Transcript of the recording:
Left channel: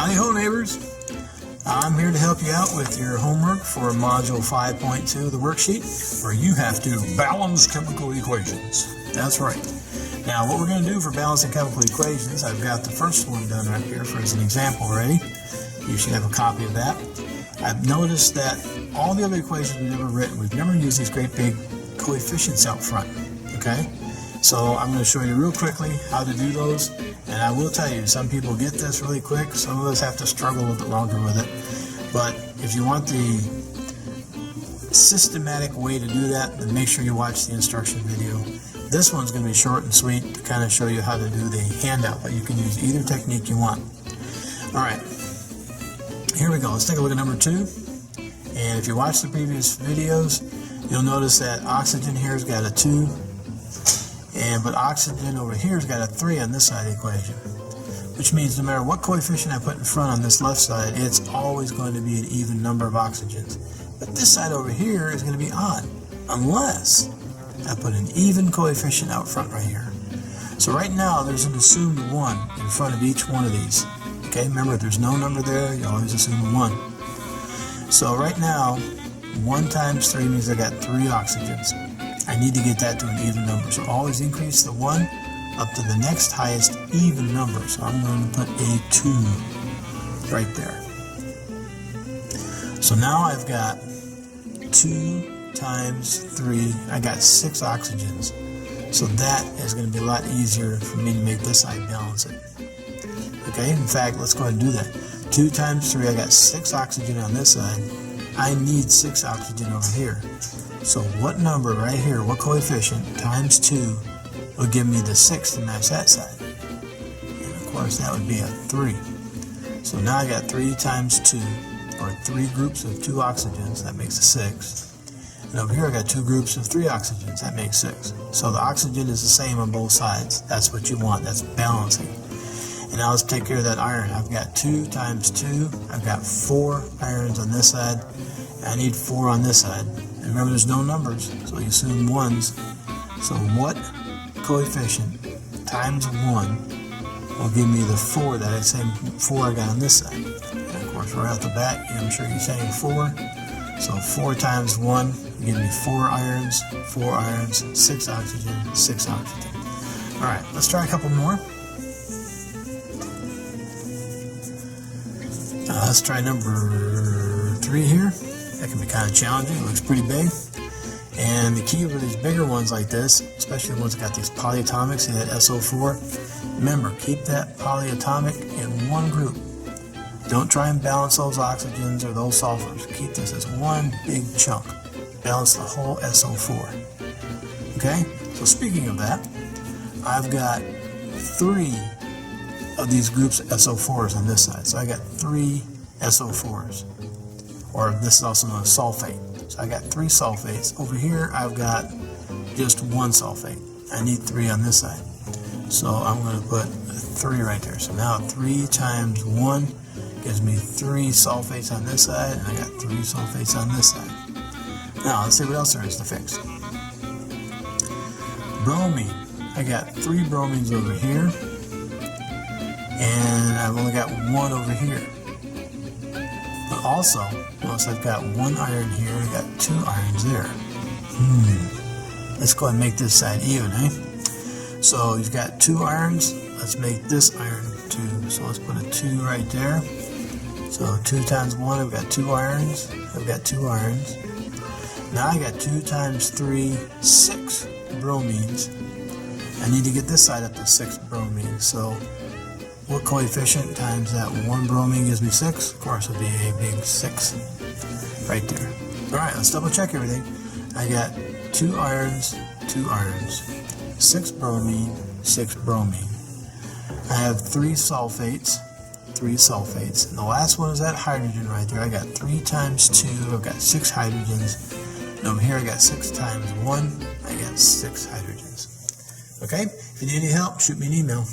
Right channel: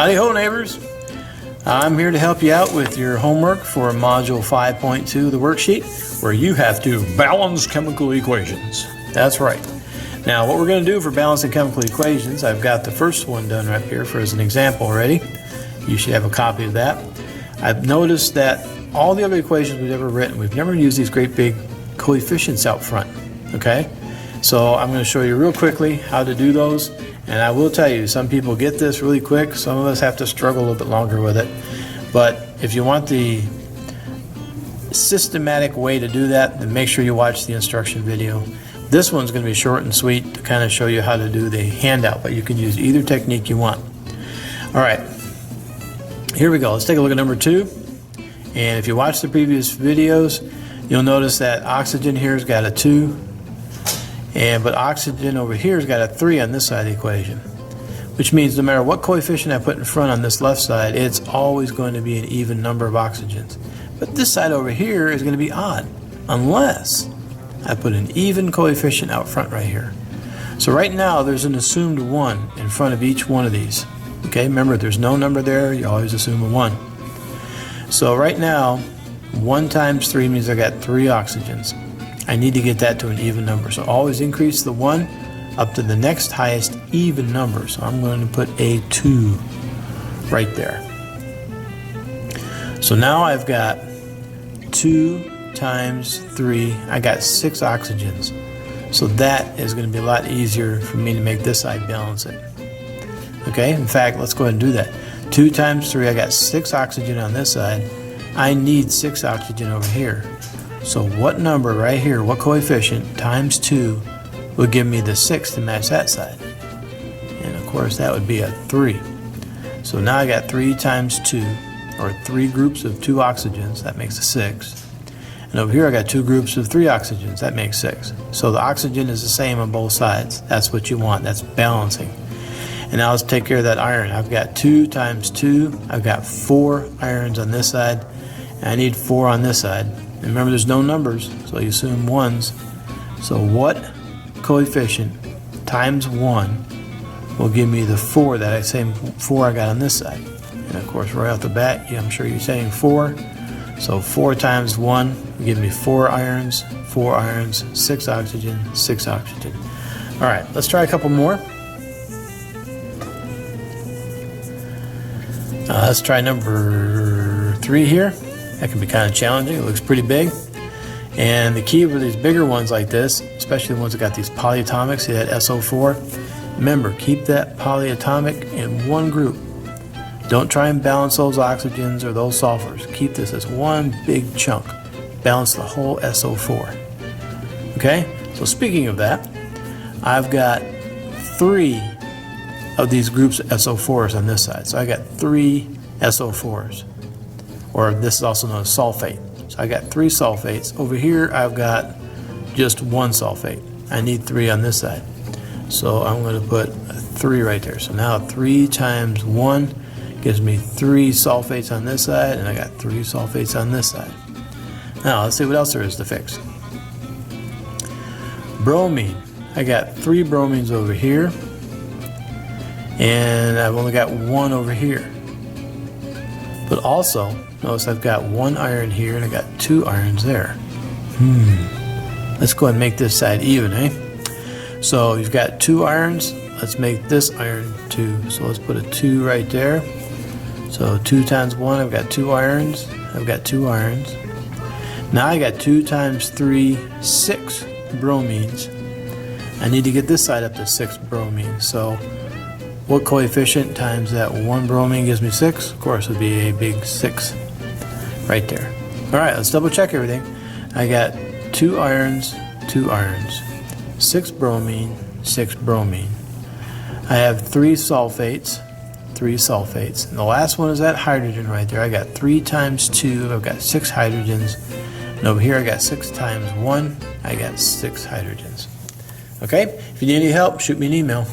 Howdy ho, neighbors. I'm here to help you out with your homework for Module 5.2 of the worksheet, where you have to balance chemical equations. That's right. Now, what we're going to do for balancing chemical equations, I've got the first one done right here for as an example already. You should have a copy of that. I've noticed that all the other equations we've ever written, we've never used these great big coefficients out front, okay? So I'm going to show you real quickly how to do those, and I will tell you, some people get this really quick, some of us have to struggle a little bit longer with it. But if you want the systematic way to do that, then make sure you watch the instruction video. This one's going to be short and sweet to kind of show you how to do the handout, but you can use either technique you want. Alright, here we go. Let's take a look at number 2. And if you watch the previous videos, you'll notice that oxygen here has got a 2. But oxygen over here has got a 3 on this side of the equation, which means no matter what coefficient I put in front on this left side, it's always going to be an even number of oxygens. But this side over here is going to be odd, unless I put an even coefficient out front right here. So right now there's an assumed 1 in front of each one of these. Okay, remember there's no number there, you always assume a 1. So right now, 1 times 3 means I got 3 oxygens. I need to get that to an even number. So always increase the 1 up to the next highest even number. So I'm going to put a 2 right there. So now I've got 2 times 3. I got 6 oxygens. So that is going to be a lot easier for me to make this side balance it. Okay, in fact, let's go ahead and do that. 2 times 3, I got 6 oxygen on this side. I need 6 oxygen over here. So what number right here, what coefficient, times 2 would give me the 6 to match that side? And of course that would be a 3. So now I got 3 times 2, or 3 groups of 2 oxygens, that makes a 6. And over here I got 2 groups of 3 oxygens, that makes 6. So the oxygen is the same on both sides. That's what you want, that's balancing. And now let's take care of that iron. I've got 2 times 2, I've got 4 irons on this side, and I need 4 on this side. And remember, there's no numbers, so you assume 1s. So what coefficient times 1 will give me the 4 that I say 4 I got on this side? And of course, right off the bat, I'm sure you're saying 4. So 4 times 1 will give me 4 irons, 6 oxygen, 6 oxygen. All right, let's try a couple more. Let's try number 3 here. That can be kind of challenging. It looks pretty big. And the key with these bigger ones like this, especially the ones that got these polyatomics, see that SO4? Remember, keep that polyatomic in one group. Don't try and balance those oxygens or those sulfurs. Keep this as one big chunk. Balance the whole SO4. Okay? So speaking of that, I've got 3 of these groups of SO4s on this side. So I got 3 SO4s. Or this is also known as sulfate. So I got 3 sulfates. Over here I've got just 1 sulfate. I need 3 on this side. So I'm going to put a 3 right there. So now 3 times 1 gives me 3 sulfates on this side, and I got 3 sulfates on this side. Now let's see what else there is to fix. Bromine. I got 3 bromines over here, and I've only got 1 over here. But also, notice I've got 1 iron here and I got 2 irons there. Let's go ahead and make this side even, eh? So you've got 2 irons. Let's make this iron 2. So let's put a 2 right there. So 2 times 1, I've got 2 irons. I've got 2 irons. Now I got 2 times 3, 6 bromines. I need to get this side up to 6 bromines. So what coefficient times that 1 bromine gives me 6? Of course, it would be a big 6 right there. Alright, let's double check everything. I got 2 irons, 2 irons, 6 bromine, 6 bromine. I have 3 sulfates, 3 sulfates. And the last one is that hydrogen right there. I got 3 times 2, I've got 6 hydrogens. And over here I got 6 times 1, I got 6 hydrogens. Okay, if you need any help, shoot me an email.